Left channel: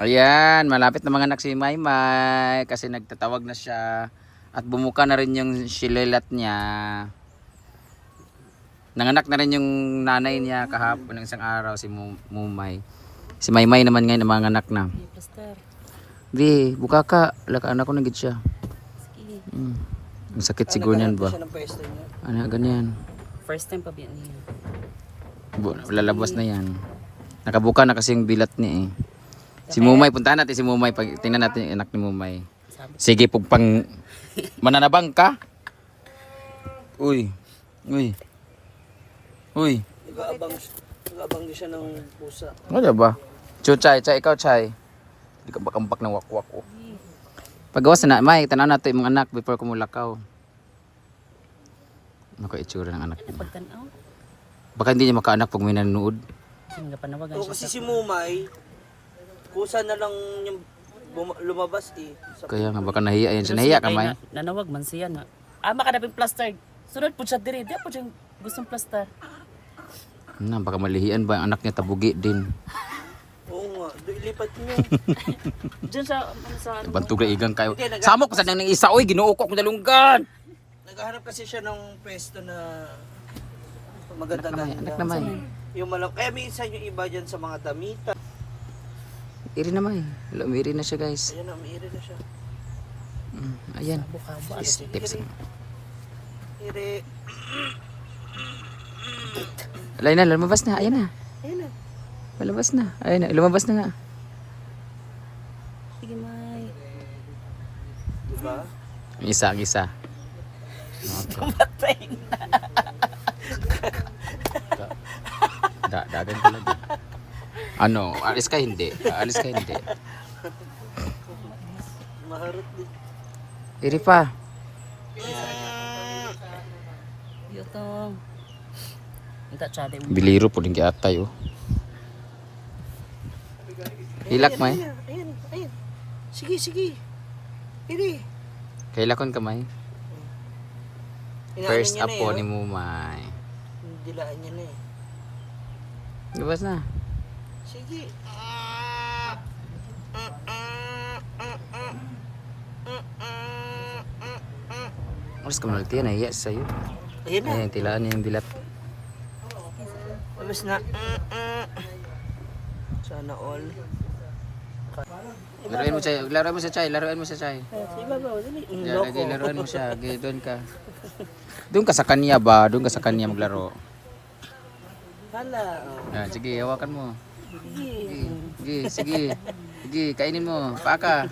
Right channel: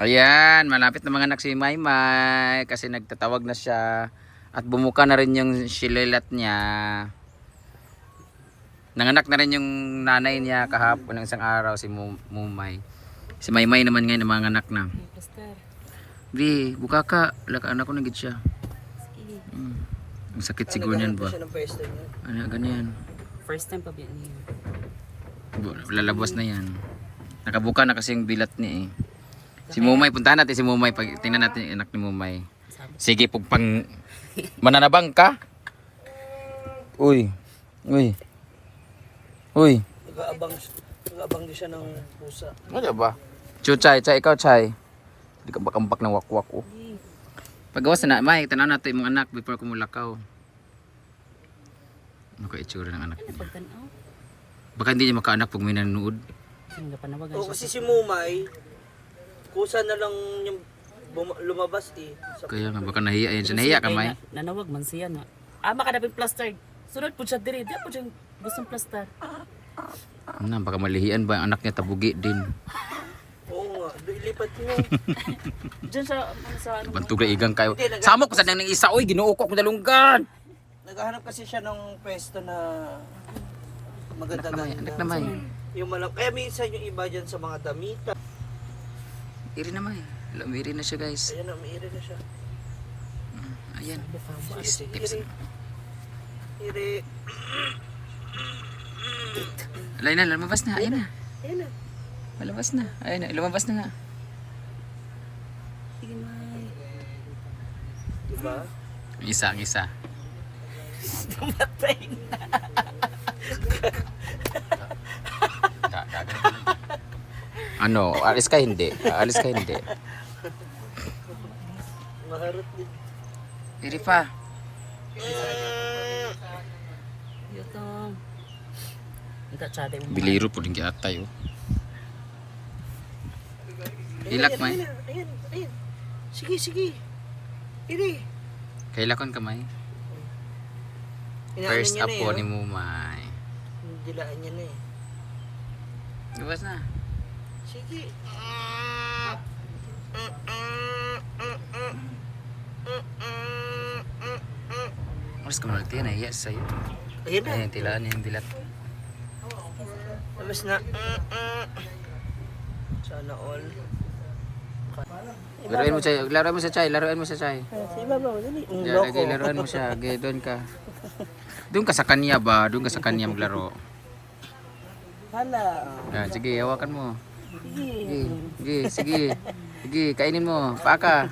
Ayan, malapit na mga anak si Maymay kasi nagtatawag na siya at bumuka na rin yung silelat niya. Nanganak na rin yung nanay niya kahapon ng isang araw si Mumay. Si Maymay naman ngayon mga anak na. Pastor. Di, buka ka. Laka anak ko nagid siya. Sige. Ang sakit siguro niyan ba? Ano, ganyan. First time pa biyan niya. Lalabas na yan. Nakabuka na kasi yung bilat niya eh. Si Mumay, puntahan natin si Mumay. Tingnan natin yung anak ni Mumay. Sige, pang mananabang ka. Uy. Uy. Uy. Nag-aabang din siya ng pusa. Ano ba? Chay, ikaw Chay. Hindi ka bakambak ng wakwak oh. Pagawas na, May, tanaw natin yung mga anak before kumulakaw. Ano ka itsura ng anak niya? Pagtanaw. Baka hindi niya makaanak pag may nanonood. Hindi ka panawagan Oo, kasi si Mumay, kusa na lang yung lumabas eh. Kaya nga, baka nahiya yan siya. Nahiya ka, May? Nanawag man siya na. Makadapin plaster. Sunod po siya diri. Di po siya gustong plaster. Ano, baka malihian ba ang anak niya tabugi din. Oo nga, ilipat niya. Diyan siya, ano sa ano. Bantog na igang kayo. Samok pa sa nang isa, oy, ginuukok mo dalunggan. Naghahanap kasi siya ng pwesto na Anak maganda-ganda. na May. Yung malang, kaya minsan yung iba dyan sa mga damita. Iri na May. Lumiri na siya guys. Ayan na, mairi na siya. Ayan. Tips. Iri. Alay na, lumabas na. Ayan na. Ayan na. Lumabas na. Ayan na, lumabas na nga. Sige, May. Diba? Ang isa. Matay na. Dadan talaga. Ano, alis ka hindi. Alis ka hindi. Maharap din. Iri pa. Yutong. Hindi tsada mo. Biliro po din kaya tayo. Hilak May. Ayan. Sige. Iri. Kailakon ka May. First apo ni Mumay. Dilaan niya na eh. Lumabas na. Sige. Oras ka malati yan. Nahiya sa'yo. Ayan na. Ayan, tilaan niya yung bilat. Alas na. Sana all. Laruan mo sa Chay. Sa ibabaw, dali. Diyan, okay, laruan mo siya. Okay, doon ka. Doon ka sa kanya ba? Doon ka sa kanya maglaro. Hala. Sige, hawakan mo. Sige. Sige, kainin mo. Paka.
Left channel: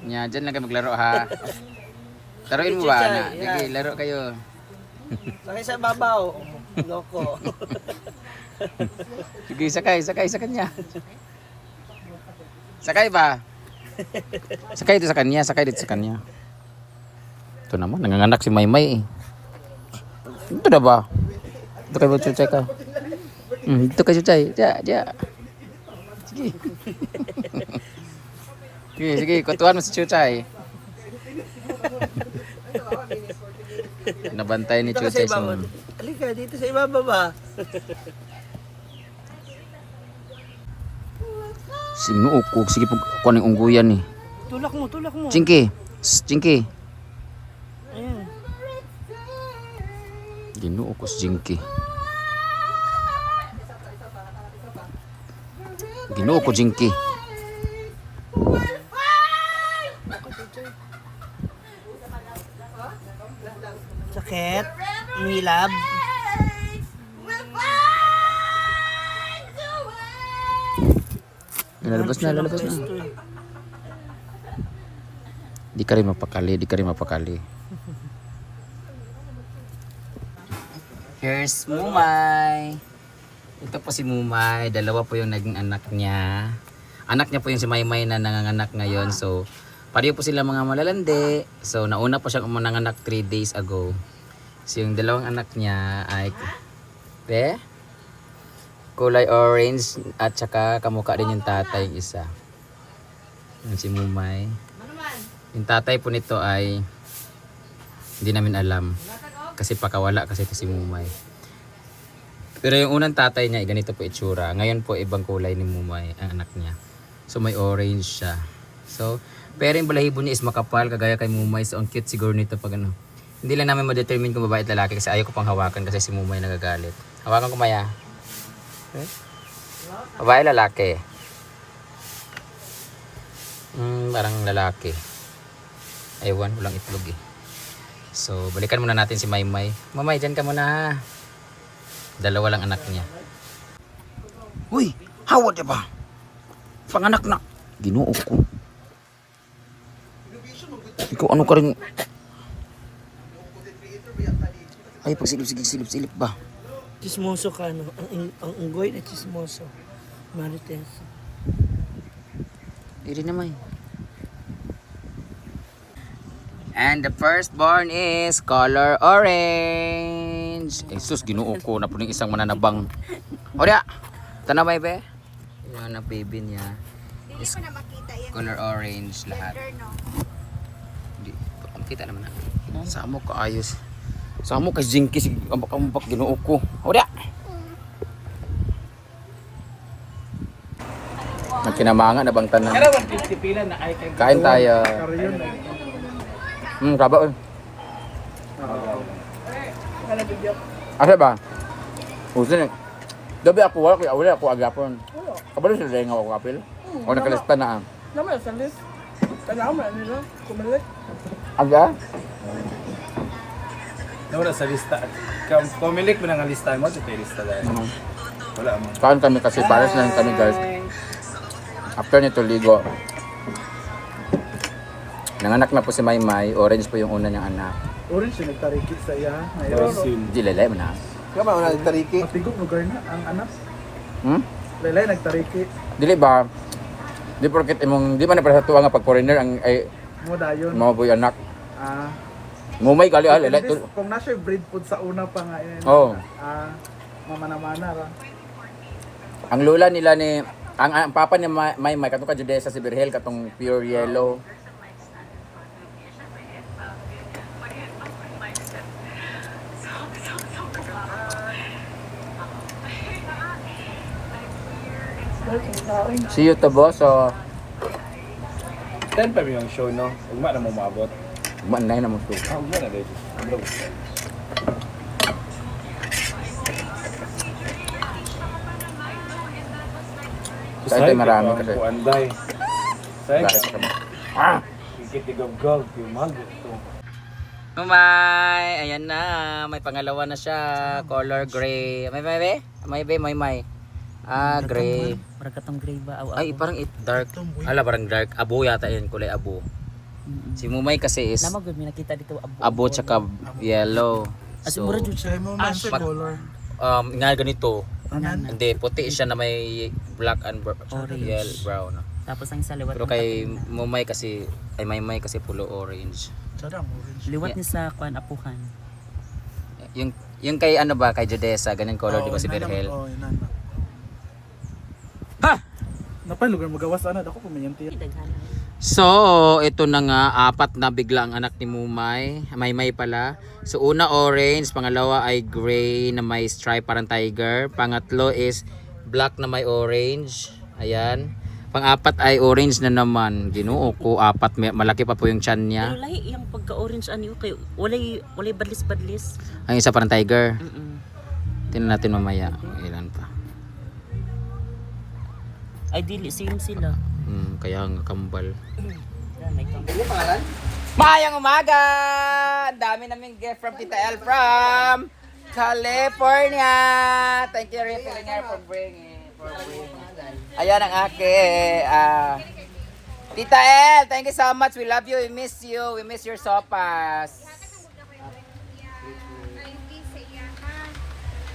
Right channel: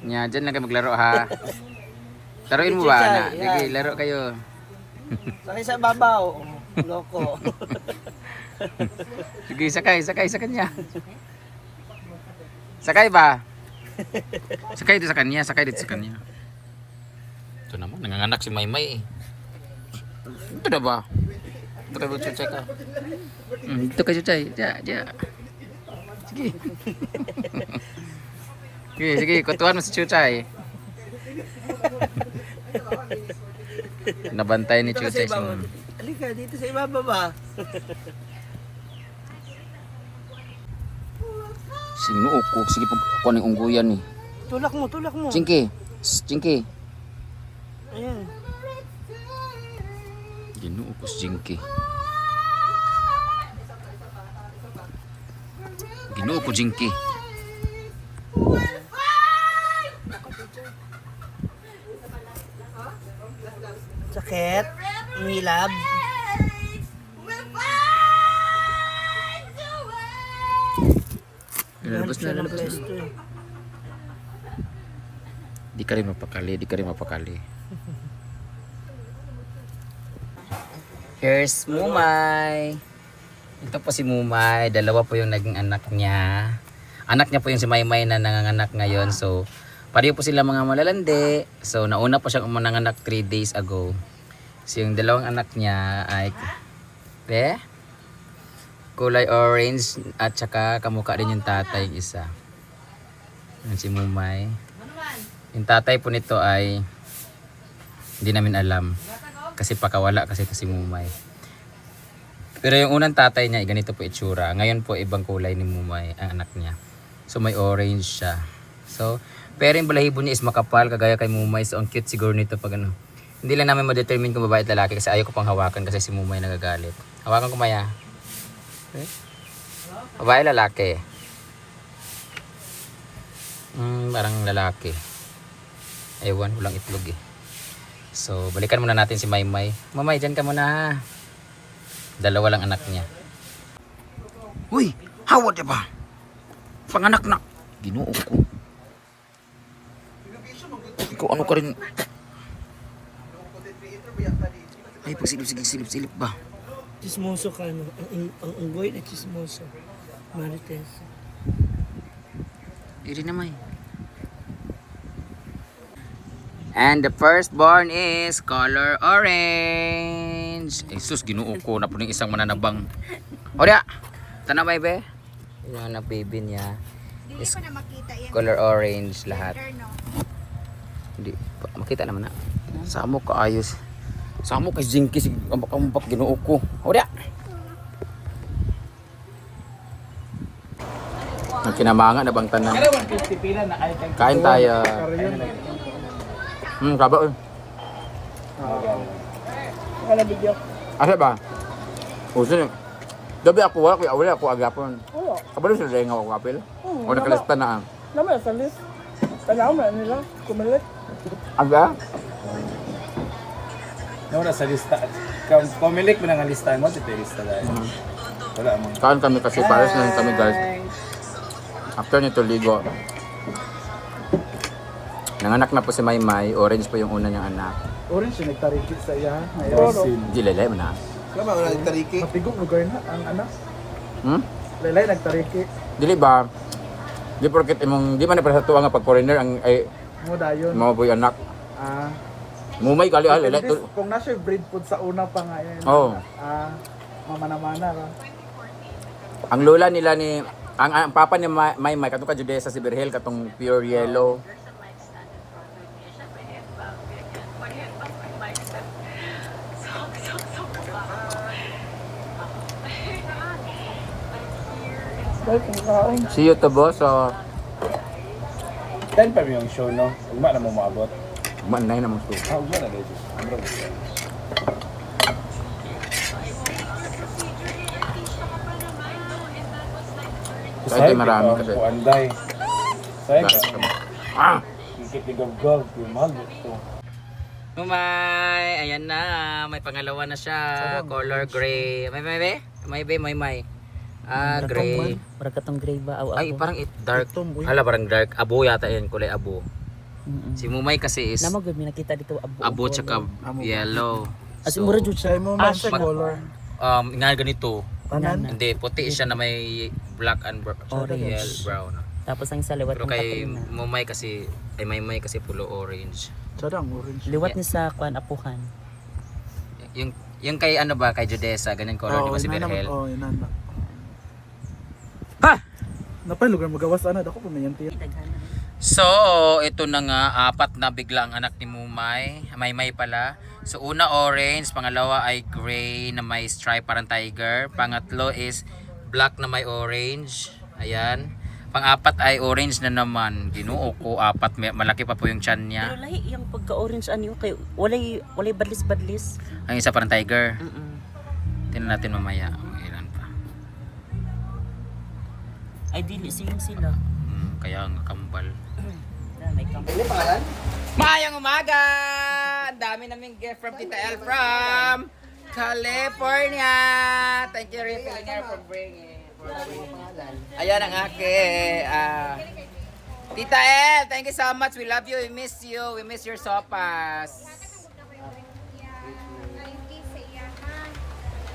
Nya, dyan lang kayo maglaro ha. Laruin mo ba na? Sige, laro kayo. Sakay sa babaw. Loko. Sige, sakay sa kanya. Sakay ba? Sakay dito sa kanya. Ito naman, nanganganak si Maymay eh. Ito na ba? Ito kayo mag-chuchay ka. Ito kayo chuchay. Diya. Sige, kutuan mo si chuchay. Nabantay ni chuchay si Mami. Halika, dito sa ibaba ba? Sinuukog, sige po kunin ungguyan eh. Tulak mo. Chinky. Ayan. Ginuo ko si Jinky. Sakit. Milab. Lalabas na. Di ka rin mapakali. Here's Mumay. Ito po si Mumay. Dalawa po yung naging anak niya. Anak niya po yung si Maymay na nanganganak ngayon. So, pareho po sila mga malalandi. So, nauna po siyang nanganak 3 days ago. So, yung dalawang anak niya ay kulay orange at saka kamukha din yung tatay yung isa. Yan si Mumay. Yung tatay po nito ay hindi namin alam. Kasi pakawala kasi ito si Mumay. Pero yung unang tatay niya, ganito po itsura. Ngayon po ibang kulay ni Mumay, ang anak niya. So may orange siya. So, pero yung balahibo niya is makapal, kagaya kay Mumay. So, ang cute siguro nito pag ano. Hindi lang namin ma-determine kung babae at lalaki kasi ayaw ko pang hawakan kasi si Mumay nagagalit. Hawakan ko Maya. Okay. Babae, lalaki. Parang lalaki. Ewan, walang itlog eh. So, balikan muna natin si Maymay. Mamay, dyan ka muna ha. Dalawa lang anak niya. Uy, hawa diba ba? Panganak na. Ginoo ko. Ikaw ano ka rin? Ay, pagsilip ba? Chismoso ka, no? Ang unggoy na chismoso. Marites. Iri naman. And the firstborn is color orange. Jesus, ginoo ko na po ng isang mananabang. O diya, tanamay be? Yung anak baby niya is color orange lahat. Hindi, makita naman na. Samo ka ayos. Samo ka Jinky, ambak-ambak ginoo ko. O diya. Nagkinamanga na bang tanan? Kain tayo. Kaba eh. Asa ba? Uso niya. Gabi ako wala ako agapon. Kabalo sila dahil nga ako kapil? O nakalista na ang? Naman sa list. Kanya mo nila, kumilit. Aga? Wala sa lista. Kung pumilik mo ng lista mo, ito yung lista. Wala mo. Kain kami kasi pares na rin kami guys. After nito ligo. Nanganak na po si Maymay. Orange po yung una niyang anak. Orange yung tariki sa iya. Brazil. Hindi lalay mo na. Kama wala nagtariki. Tigok mo gawin na ang anak. Lalay nagtariki. Dili ba? Di porket imong di man na para sa tuwa nga pag foreigner ang ay Mo dayon. mga boy anak. Ah. Mumay gali lalay. Kung nasa breed food sa una pa nga eh. Oh. Mamana-mana ra. Ang lola nila ni ang papa ni Maymay katong ka Judesa si Birhel katong pure yellow. See you to boss. So, 10 pa yung show no. Ugma na mo maabot. manay na mo to. Ugma na dito. Abro. Sa ito marami kasi. Anday. Bakit pa kami? Ah! Kikit igog-gog yung mago to. Umay! Ayan na. May pangalawa na siya. Color gray. May. Ah, gray. Parang katong gray ba? Ay, parang dark. Hala, parang dark. Abo yata yun. Kulay abo. Si Mumay kasi is Namagod, may nakita dito abo tsaka yellow. As mura jud siya. Mo man sa color. Nga ganito. Kanan. Hindi, puti siya na may black and yellow, brown. Tapos ang isa liwat. Pero kay Mumay kasi, ay Maymay kasi pulo orange. Sada ang orange. liwat ni sa kuan apuhan. Yung kay ano ba, kay Judesa, ganyan color, di ba si Birhel? Oh, inana. Ha! Napay lugar magawas ana dako pumayanti. So, ito na nga, apat na bigla ang anak ni Mumay. Maymay pala. So, una orange, pangalawa ay gray na may stripe parang tiger. Pangatlo is black na may orange. Ayan. Pang-apat ay orange na naman. Ginoo ko, apat. Malaki pa po yung chan niya. Pero lahi yung pagka-orange ano kay walay badlis-badlis. Ang isa parang tiger. Tingnan natin mamaya. Ilan pa. Ay dili same sila. Kaya nga kambal. May Mayang umaga! Ang dami naming gift from Tita El from California! Thank you, Refillinger, for bringing. Ayan ang ake. Tita El, thank you so much. We love you. We miss you. We miss your sopas.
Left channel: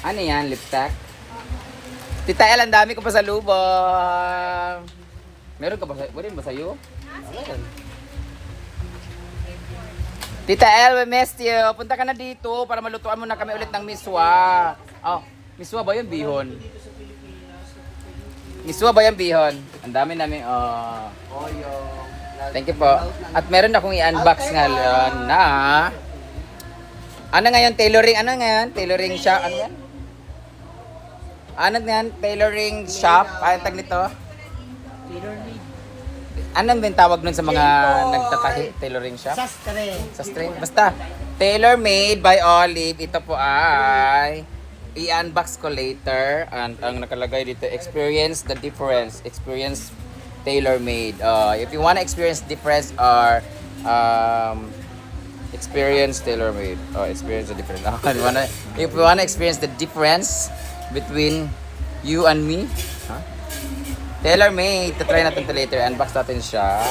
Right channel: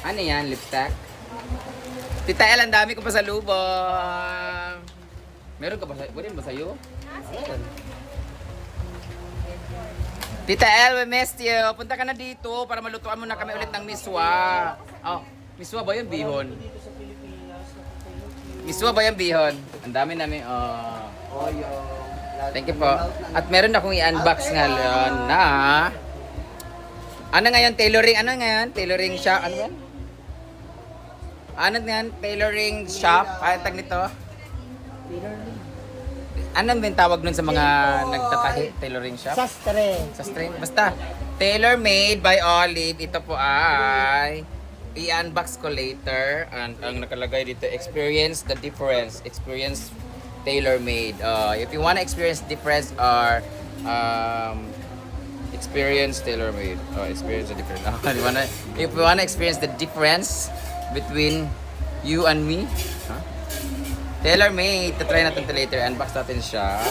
Ano yan? Lipstick? Tita El, ang dami ko pa sa lubong. Meron ka ba sa... Pwede ba sa'yo? Meron. Tita El, we missed you. Punta ka na dito para malutuan mo na kami ulit ng miswa. Oh, miswa ba yun? Bihon. Miswa ba yung bihon? Ang dami namin, Thank you po. At meron akong i-unbox ngayon na... Ano ngayon? Tailoring? Ano ngayon? Tailoring shop? Ano yan? Ano yan? Tailoring shop? Ano tag nito? Anong din tawag nun sa mga nagtatahi? Tailoring shop? Sastre. Sa string. Basta, tailor-made by Olive. Ito po ay i-unbox ko later. And ang nakalagay dito, experience the difference. Experience tailor-made. If you wanna experience difference or experience tailor-made. Experience the difference. If you wanna experience the difference between you and me, tailor-made. Try natin ito later. Unbox natin siya.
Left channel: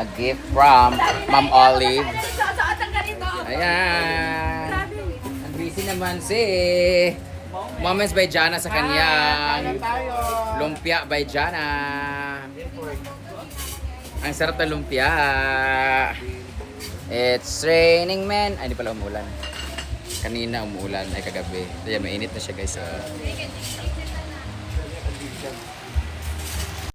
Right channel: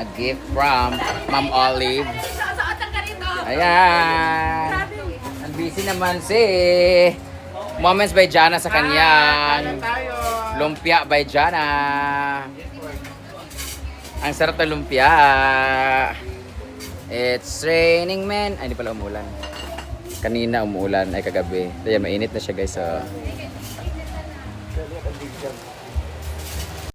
A gift from Ma'am Olive. Ayan. Ang busy naman si Moments by Jana sa kanya. Lumpia by Jana. Ang sarap ng lumpia. It's raining man. Ay, di pala umulan. Kanina umuulan. Ay, kagabi. Ayan, mainit na siya guys.